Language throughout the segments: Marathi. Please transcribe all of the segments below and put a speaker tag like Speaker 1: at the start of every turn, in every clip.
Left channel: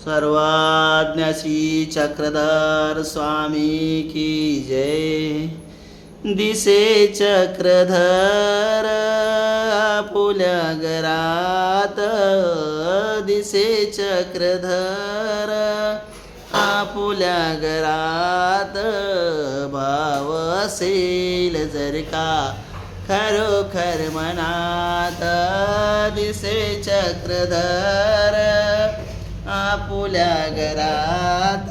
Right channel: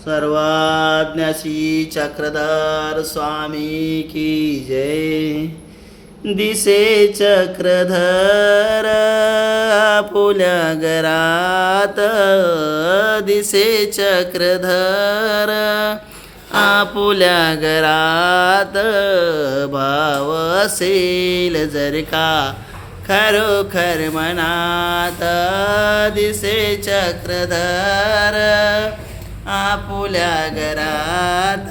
Speaker 1: सर्वाज्ञ श्री चक्रधर स्वामी की जय। दिसे चक्रधर आपुल्या घरात दिसे चक्रधर आपुल्या घरात भाव असेल जर का खरोखर मनात। दिसे चक्रधर आपल्या घरात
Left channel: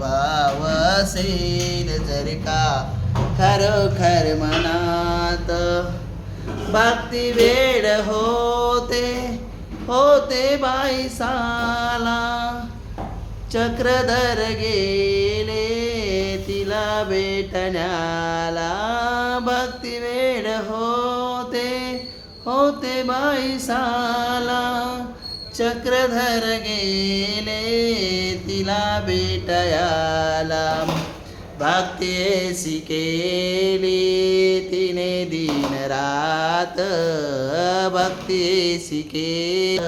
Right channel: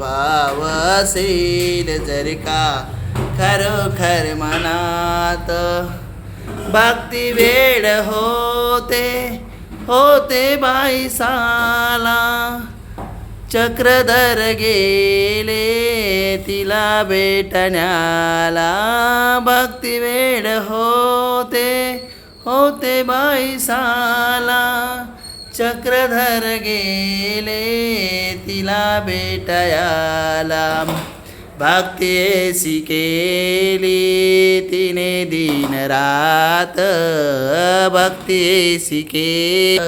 Speaker 1: भाव असेल जर का खरोखर मनात. भक्ती वेळ होते होते बाई साला. चक्रधर गेले तिला भेटण्याला. भक्ती वेळ होते होते बाई साला. चक्रधर गेले तिला भेटायाला. भक्ती केली तिने दिन रात. भक्ती शिके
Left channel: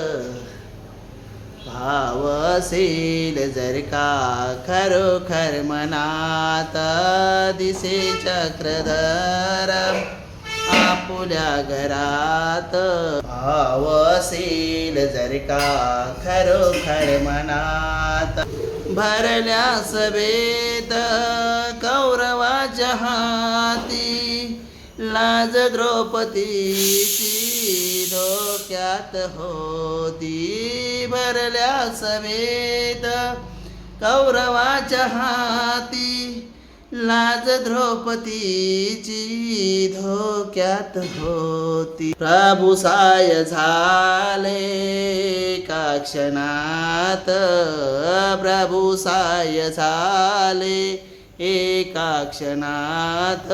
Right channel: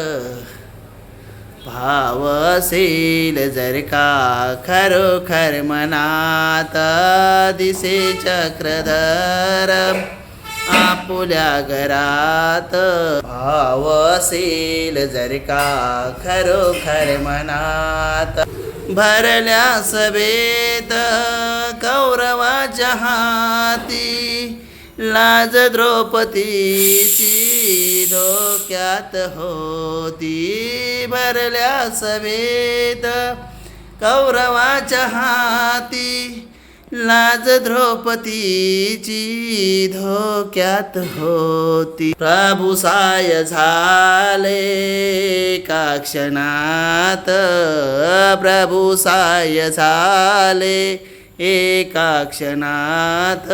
Speaker 1: भाव असेल जर का खरोखर मनात दिसे चक्रधर. आपुल्या घरात. भाव असेल जर का खरोखर मनात. भरल्या सभेत कौरवाच्या हाती लाज द्रौपदीची धोक्यात होती. भरल्या सभेत कौरवाच्या हाती लाज द्रौपदीची धोक्यात होती. प्रभू साय झाले का क्षणात? प्रभू साय झाले एका क्षणात?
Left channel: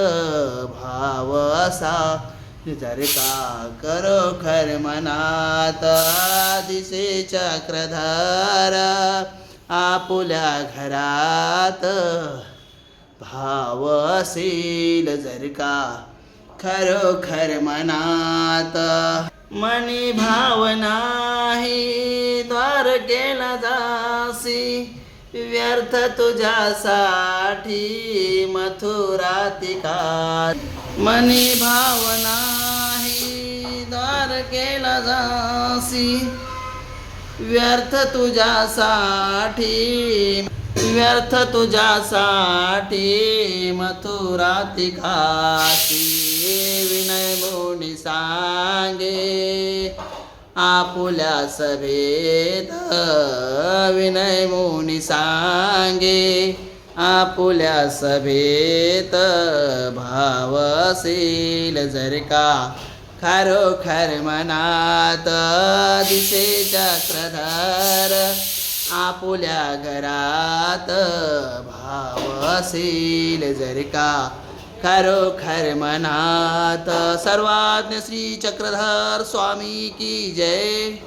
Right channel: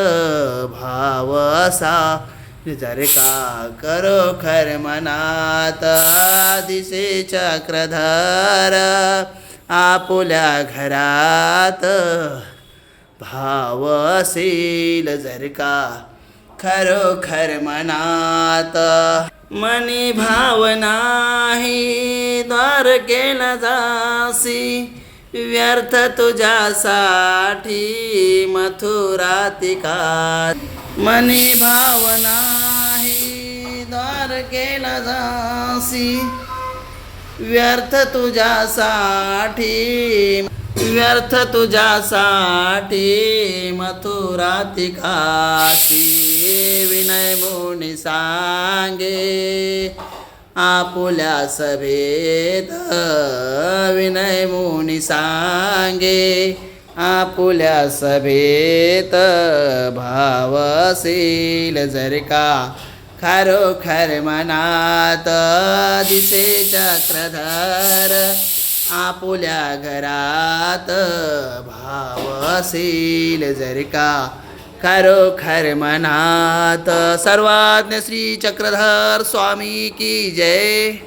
Speaker 1: भाव असा विचार का करो खर मनात दिसे चक्रधारा आपुल्या घरात भाव असेल जर का खरोखर मनात. मनी भाव नाही द्वार केला जासी. व्यर्थ तुझ्यासाठी मथुरातिका मनी भाव नाही द्वार केला जासी. व्यर्थ तुझ्यासाठी व्यर्थ तुझ्यासाठी मथुराती काशी विनय मुनी सांगे आपुल्या सभेत विनय मुनी सांगे आपुल्या सभेत भावशील जर का खरोखर मनात दिसे चक्रधर आपुल्या घरात भाव असेल जर का खरोखर मनात सर्वाज्ञ श्री चक्रधर स्वामी की जय.